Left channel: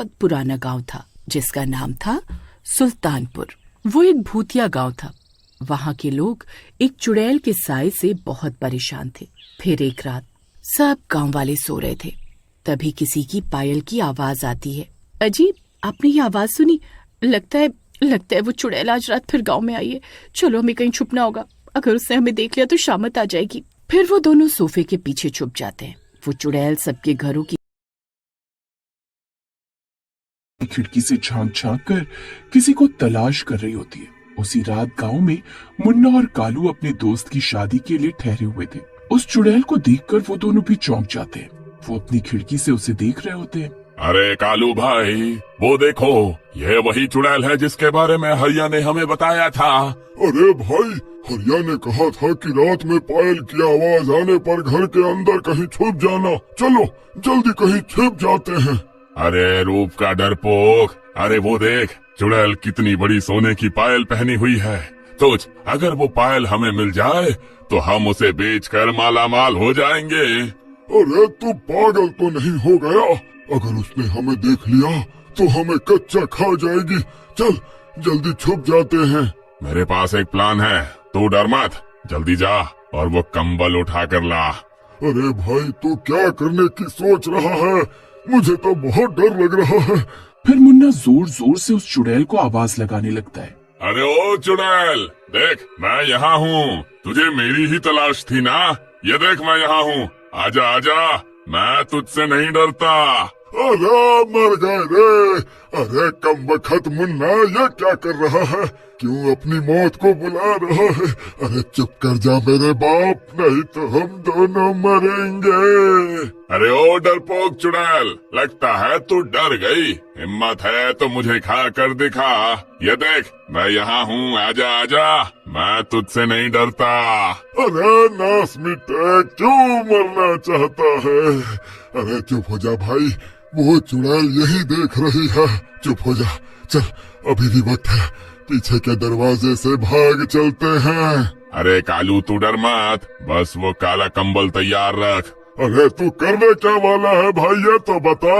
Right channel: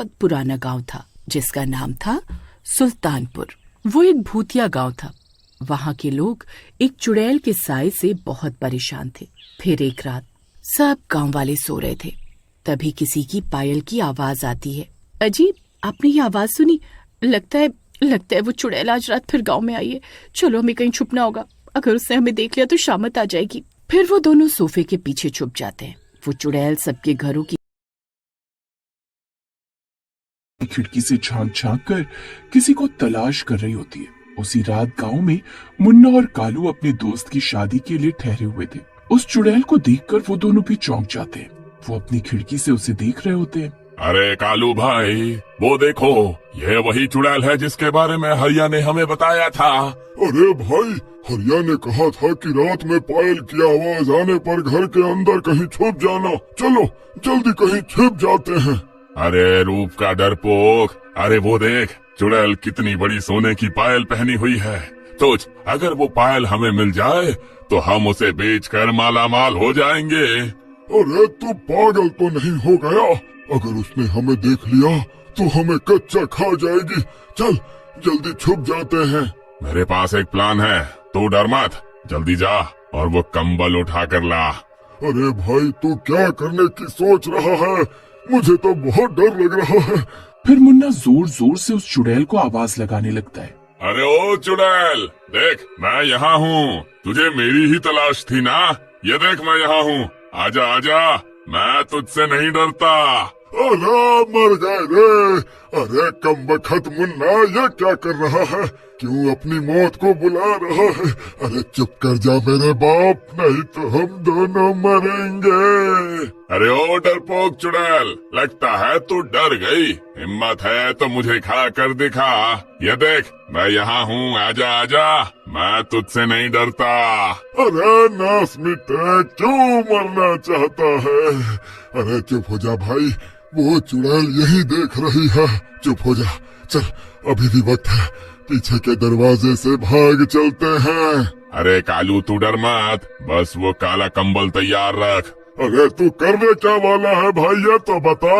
बहुत पुराना गांव था जिसका नाम था सुल्तानपुर। वो एक भूतिया गांव था। वहां के लोग एक चुड़ैल के साए से बहुत परेशान थे। फिर एक रात सब गांव वाले सो रहे थे, तभी किसी की पायल की आवाज आती है। अजी, आपने ये आवाज सुनी? लगता है वो चुड़ैल आज रात फिर गांव में आई है। चलो, हमें कहीं छुपना होगा, अगर उसने हमें देख लिया तो शामत आ जाएगी। फिर वो दोनों सोफे के पीछे छुप जाते हैं। वो चुड़ैल सबके घरों की खिड़की से झांक झांक कर किसी को तलाश कर रही होती है। उसी रात गांव में मुन्ना और कालू अपने दोस्त की शादी के लिए ठहरे हुए थे। उस चुड़ैल को देखकर वो दोनों भी चौंक जाते हैं। वो अपनी खिड़की से उसे देख रहे होते हैं। अरे कालू भाई, वो देखो, ये वही चुड़ैल है जिसके बारे में हरिया ने हमें बताया था। अरे भाई, हरिया ने कहा था कि रात में पायल की आवाज आने पर घर के अंदर कहीं छुप जाना। चलो जल्दी कहीं छिप जाते हैं। अरे रूप का डरपोक, अरे वो देख, चुड़ैल कितनी बड़ी सोने की पायल पहनी हुई है। सोच, अगर वो पायल हमें मिल जाए तो हम उसे बेचकर मालामाल हो जाएंगे। अरे तू पागल तो नहीं हो गया? अगर उसने हमें देख लिया तो हमें कच्चा खा जाएगी। चल जल्दी छुप जाते हैं। मेरे पास एक प्लान है, तू डर मत, जल्दी जा और वो कंबल उठा कर ला। अरे भाई, तू क्या करने की सोच रहा है? मुझे तो बहुत डर लग रहा है। फिर मुन्ना जोर जोर से उस चुड़ैल को आवाज लगाने लगता है। अरे ओ चुड़ैल, देख मैं यहाँ हूँ, तुझे मेरी ही तलाश थी ना? ये देख मैं यहाँ हूँ, आजा आजा, मैं तुझसे नहीं डरता। अरे मर गए रे। अरे कमबख्त मुन्ना, ये क्या कर रहा है? क्यों अपनी मौत को बुला रहा है? अरे चुप कर जा मेरे बाप, नहीं तो हम दोनों मरेंगे। अरे ओ डरपोक चुड़ैल, लगता है तू डर गई। हिम्मत है तो मुझे खा कर दिखा। ये देख मैं यहाँ हूँ, आजा आजा, मैं तुझसे नहीं डरता। अरे नास मिटे, क्यों मरना चाहता है? अरे चुप हो जा भाई, वो चुड़ैल यही देख रही है। चुप हो जा, चल अभी भी वक्त है, पीछे के दरवाजे से भाग चलते हैं। अरे कालू तू डर मत, बस वो काला कंबल तैयार रख। अरे तू करने क्या वाला है भाई, ये तो बता।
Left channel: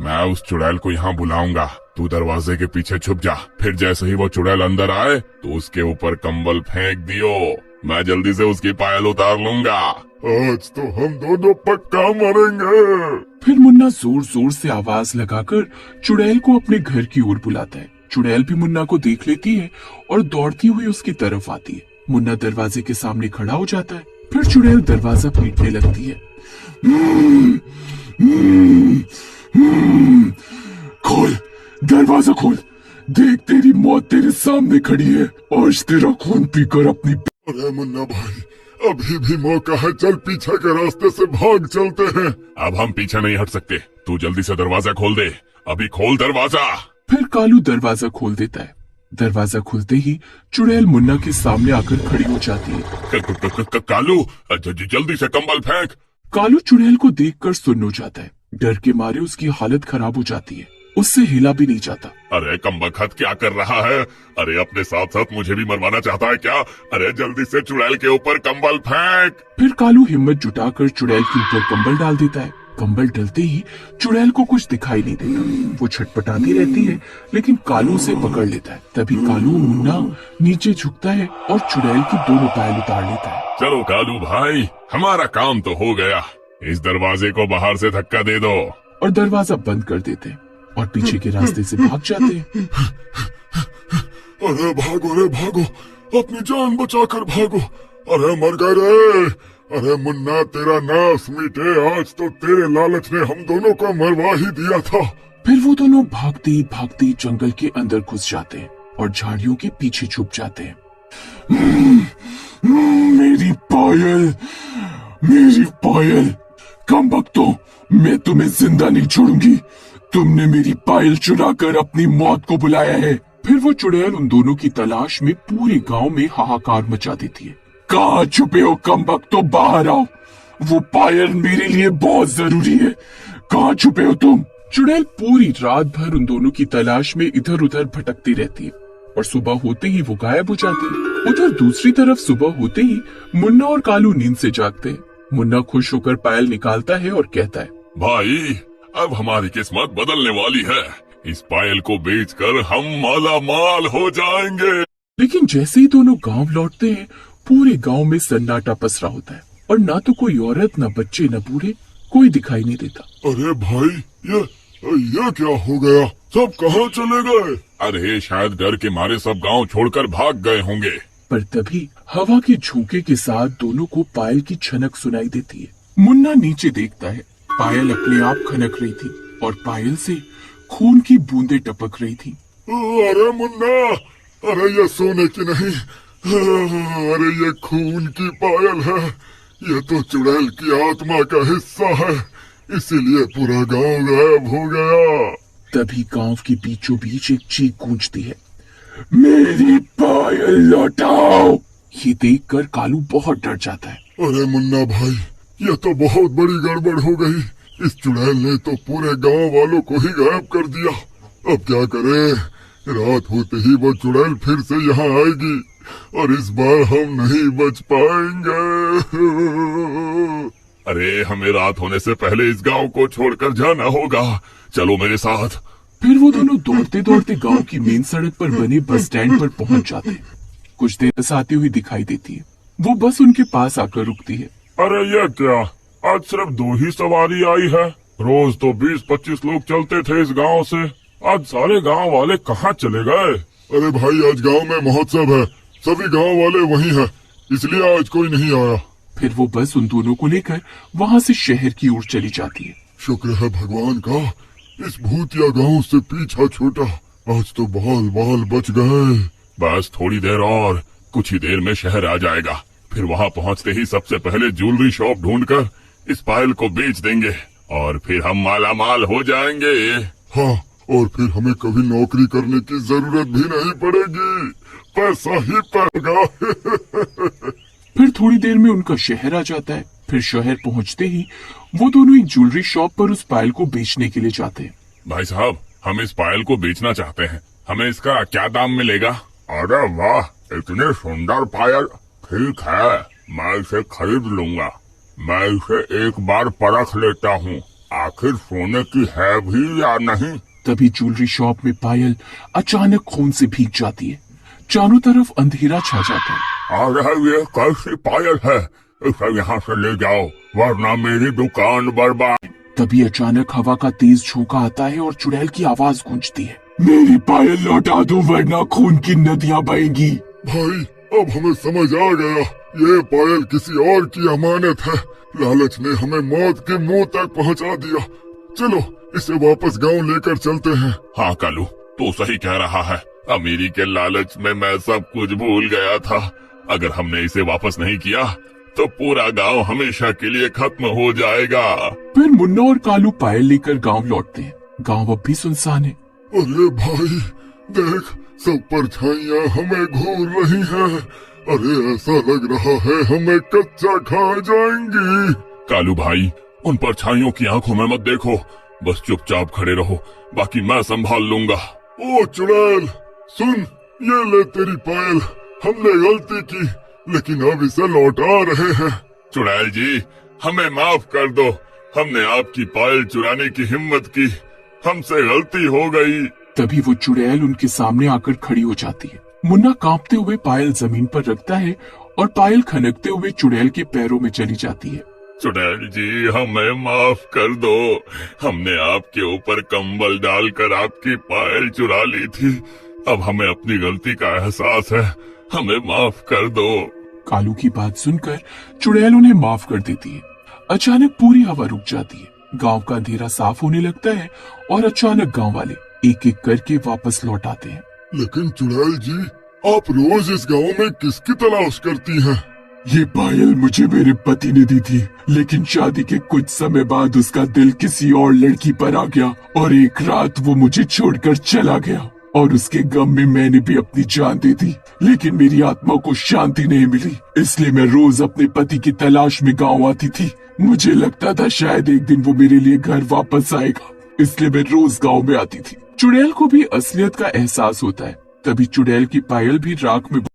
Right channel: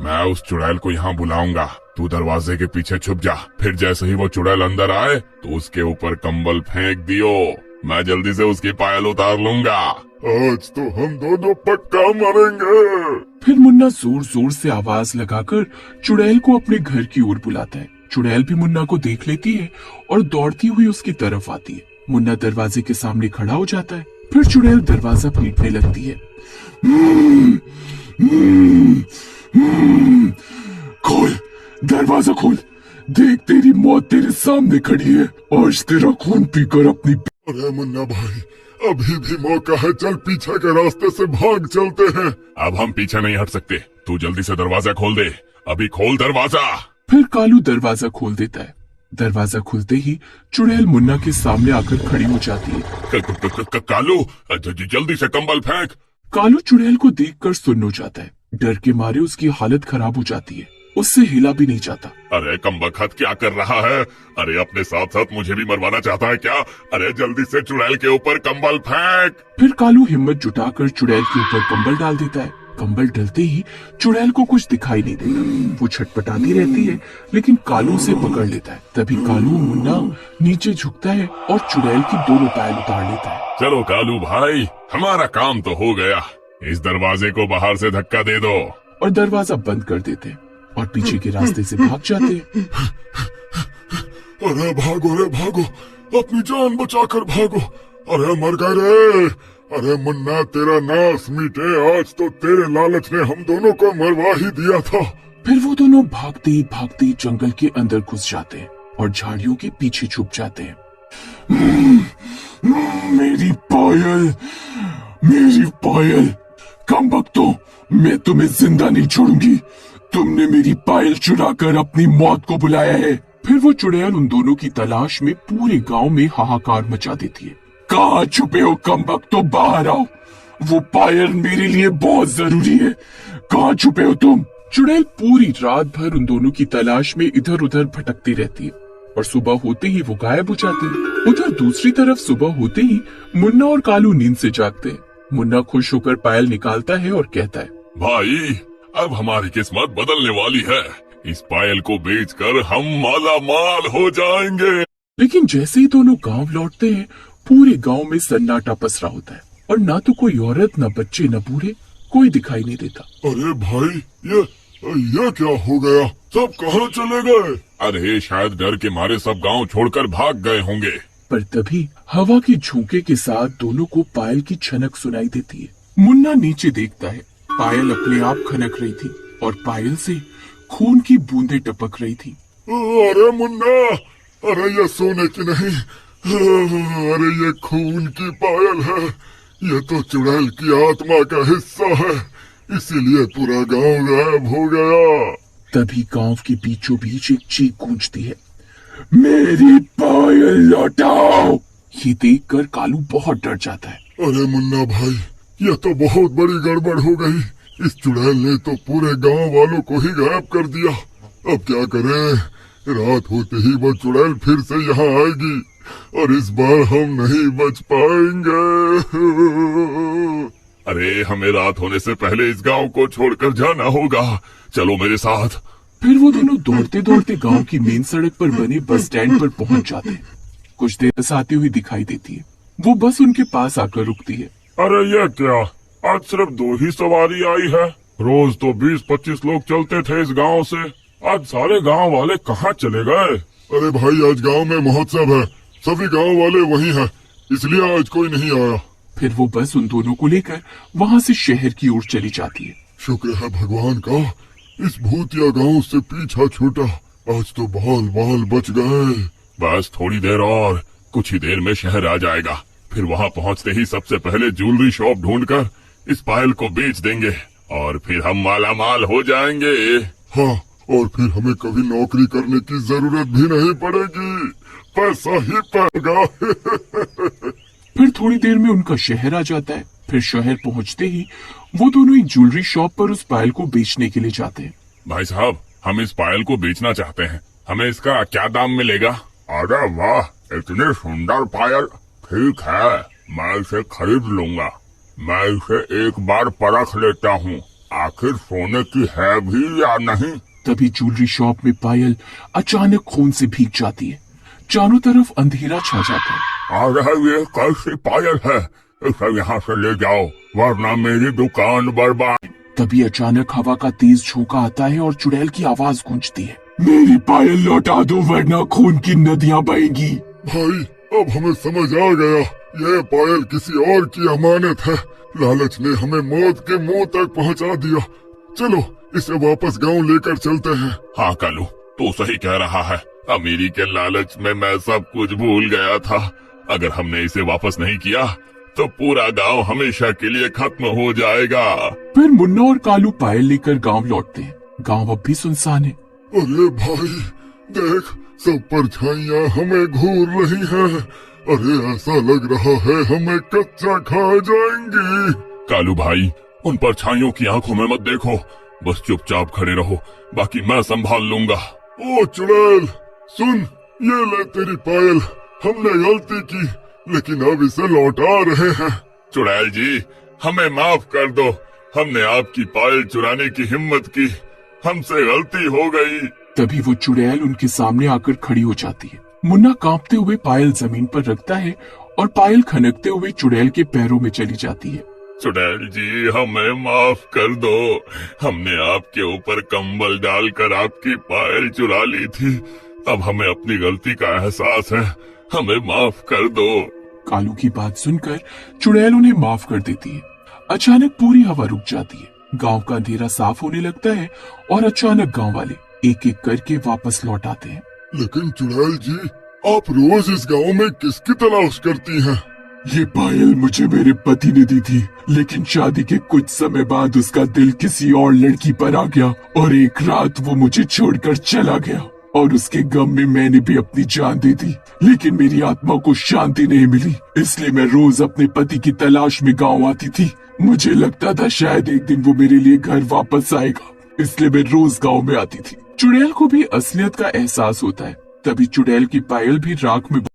मैं उस चुड़ैल को यहाँ बुलाऊंगा, तू दरवाजे के पीछे छुप जा। फिर जैसे ही वो चुड़ैल अंदर आए तो उसके ऊपर कंबल फेंक दियो, मैं जल्दी से उसकी पायल उतार लूंगा। आज तो हम दोनों पक्का मरेंगे। फिर मुन्ना जोर जोर से आवाज लगाकर चुड़ैल को अपने घर की ओर बुलाता है। चुड़ैल भी मुन्ना को देख लेती है और दौड़ती हुई उसकी तरफ आती है। मुन्ना दरवाजे के सामने खड़ा हो जाता है। फिर चुड़ैल दरवाजा पीटने लगती है। खोल, दरवाजा खोल, देख तेरी मौत तेरे सामने खड़ी है। आज तेरा खून पीकर अपनी। अरे मुन्ना भाई, अभी भी मौका है, चल पीछे के रास्ते से भाग चलते हैं। अब हम पीछे नहीं हट सकते, तू जल्दी से दरवाजा खोल दे, अभी खोल दरवाजा। फिर कालू दरवाजा खोल देता है। दरवाजा खुलते ही चुड़ैल मुन्ना के सामने आकर खड़ी हो जाती है। कालू जल्दी से कंबल फेंक। कालू चुड़ैल को देखकर सुन्न हो जाता है। डर के मारे उसकी हालत खराब हो जाती है, उससे हिला भी नहीं जाता। अरे कमबख्त क्या कर रहा है? अरे अपने साथ साथ मुझे भी मरवाना चाहता है क्या? अरे जल्दी से चुड़ैल के ऊपर कंबल फेंक। फिर कालू हिम्मत जुटाकर चुड़ैल के ऊपर कंबल डाल देता है। कंबल डलते ही चुड़ैल को कुछ दिखाई नहीं देता। वो छटपटाती रहती है लेकिन कालू उसे पकड़ लेता है। तभी कालू मुन्ना नीचे झुकता है और चुड़ैल की दोनों पायल उतार लेता है। चलो कालू भाई, हमारा काम तो हो गया, इस दरवाजे को बाहर से धक्का दे दो। और दरवाजा बंद कर देते हैं और पीछे के रास्ते से भाग जाते हैं। अरे भागो रे भागो, अपनी जान बचाकर भागो। अरे मर गए रे। अरे मुन्ना, तेरा नाश मिटे, आज तो तेरे लालच ने हम दोनों को मरवा ही दिया था। फिर वो दोनों भागते ही भागते जंगल के अंदर घुस जाते हैं और झाड़ियों के पीछे छुप जाते हैं। मेरी पायल, मेरी पायल। कमबख्तों, मैं तुम्हें जिंदा नहीं छोड़ूंगी। तुमने मेरी पायल चुराकर अपनी मौत को बुलाया है। फिर वो चुड़ैल उन दोनों की तलाश में पूरे गांव में हाहाकार मचा देती है। कहाँ छुपे हो कमबख्तों, बाहर आओ, वो पायल मेरे लिए बहुत जरूरी है। कहाँ छुपे हो तुम? चुड़ैल पूरी रात भर उन दोनों की तलाश में इधर उधर भटकती रहती है और सुबह होते ही वो गायब हो जाती है। उधर दूसरी तरफ सुबह होते ही मुन्ना और कालू नींद से जागते हैं। मुन्ना खुश होकर पायल निकालता है और कहता है, भाई अब हमारी किस्मत बदलने वाली है, इस पायल को बेचकर हम माला माल हो जाएंगे। लेकिन जैसे ही दोनों गांव लौटते हैं, पूरे गांव में सन्नाटा पसरा होता है और ना तो कोई औरत, न बच्चे, न बूढ़े, कोई दिखाई नहीं देता। अरे भाई, ये क्या हो गया? सब कहाँ चले गए? अरे शायद डर के मारे सब गांव छोड़कर भाग गए होंगे। पर तभी हवा के झोंके के साथ दोनों को पायल की छनक सुनाई देती है। मुन्ना नीचे देखता है, पायल अपने आप खनक रही थी और पायल से खून की बूंदें टपक रही थी। अरे मुन्ना, अरे ये सोने की नहीं, अरे ये खून की पायल है। ये तो चुड़ैल की आत्मा का हिस्सा है, इसीलिए पूरा गांव गायब हो गया। तभी गांव के बीचों बीच एक चीख गूंजती है, मेरी पायल लौटाओ। ये देखकर कालू बहुत डर जाता है। अरे मुन्ना भाई, ये तो बहुत बड़ी गड़बड़ हो गई। इस चुड़ैल ने तो पूरे गांव वालों को ही गायब कर दिया। अब क्या करें? रात होते ही वो चुड़ैल फिर से यहाँ आएगी और इस बार हम नहीं बच पाएंगे। अरे हमें रात होने से पहले इस गांव को छोड़कर जाना होगा। चलो मेरे साथ। फिर वो दोनों दौड़ते दौड़ते गांव की मेन सड़क पर बने बस स्टैंड पर पहुंच जाते हैं। कुछ देर बस आती हुई दिखाई देती है। वो बस उनके पास आकर रुकती है। अरे ये क्या, आज सिर्फ 2 ही सवारी आई है? रोज तो 20-25 लोग चलते थे इस गांव से। आज सारे गांव वाले कहाँ चले गए? अरे भाई, आज गांव में महोत्सव है, सभी गांव वाले वहीं हैं, इसलिए आज कोई नहीं आया। फिर वो बस उन दोनों को लेकर वहाँ से शहर की ओर चली जाती है। शुक्र है भगवान का, इस भूतिया गांव से पीछा छूटा। आज तो बाल बाल बच गए। बस थोड़ी देर और, कुछ ही देर में शहर आ जाएगा। फिर वहाँ पहुँचते ही सबसे पहले ज्वेलरी शॉप ढूंढकर इस पायल को बेच देंगे और फिर हम माला माल हो जाएंगे। हाँ, और फिर हमें कभी नौकरी करने की जरूरत भी नहीं पड़ेगी, पैसा ही पाएगा। फिर थोड़ी देर में उनका शहर आ जाता है। फिर शहर पहुंचते ही वो दोनों एक ज्वेलरी शॉप पर उस पायल को बेचने के लिए जाते हैं। भाई साहब, हम इस पायल को बेचना चाहते हैं, हमें इसका क्या दाम मिलेगा? अरे वाह, इतनी सुंदर पायल। ठीक है, मैं इसे खरीद लूंगा। मैं इसे एक बार परख लेता हूँ, आखिर सोने की है भी या नहीं। तभी ज्वेलरी शॉप में पायल अचानक खून से भीग जाती है। चारों तरफ अंधेरा छा जाता है। अरे ये कैसी पायल है? इसे यहाँ से ले जाओ वरना मेरी दुकान बर्बाद। तभी अचानक हवा का तेज झोंका आता है और चुड़ैल की आवाज गूंजती है, मेरी पायल लौटा दो वरना खून की नदियां बहेंगी। भाई, अब हमें समझ आ गया, ये पायल किसी और की अमानत है। लालच ने हमें मौत के मुंह तक पहुंचा दिया। चलो इसे वापस गांव लेकर चलते हैं। हाँ कालू, तू सही कह रहा है। अमीरी के लालच में मैं सब कुछ भूल गया था। अगर हमने इसे वापस नहीं किया तो पूरा गांव हमेशा के लिए खत्म हो जाएगा। फिर मुन्ना और कालू पायल लेकर गांव लौटते हैं। गांव अब भी सुनसान है। अरे भाई देख, सब परछाइयां हमें घूर रही हैं। अरे ऐसा लग रहा है हमें कच्चा खा जाएंगी। कालू भाई, उन परछाइयों की आंखों में मत देखो, बस चुपचाप खड़े रहो, बाकी मैं संभाल लूंगा। ओ चुड़ैल सुन, ये ले तेरी पायल। हमने गलती की लेकिन अब इसे लौटा रहे हैं। चुड़ैल जी, हमें माफ कर दो, हमने आपकी पायल चुराने की हिम्मत की, हमसे गलती हो गई। तभी वो चुड़ैल उनके सामने आकर खड़ी हो जाती है। मुन्ना कांपते हुए पायल जमीन पर रखता है और पायल खनकते हुए चुड़ैल के पैरों में चली जाती है। चुड़ैल जी, हमें माफ कर दो, हमने आपके ऊपर कंबल डालकर आपकी पायल चुरा ली थी। अब हमें अपनी गलती का एहसास है, हमें माफ कर दो। कालू की बात सुनकर चुड़ैल उन्हें माफ कर देती है। अचानक पूरी हवा रुक जाती है। गांव का अंधेरा साफ होने लगता है और अचानक गांव वाले एक एक करके वापस लौट आते हैं। लेकिन चुड़ैल जी, आप रोज इस गांव में किसकी तलाश करती हैं? ये पायल मुझे मेरे पति ने दी थी, लेकिन शादी के कुछ समय बाद उसका दिल किसी और लड़की पर आ गया और एक रात वो मुझे छोड़कर चला गया और उसके गम में मैंने भी अपनी जान दे दी। लेकिन मेरी आत्मा को शांति नहीं मिली, इसलिए मैं रोज अपने पति की तलाश में गांव आती थी। मुझे लगता था शायद एक दिन वो मेरे लिए घर वापस आएगा, इसलिए मैं रोज गांव में आती थी। चुड़ैल को भी असलियत का एहसास होता है। तभी चुड़ैल की पायल भी राख में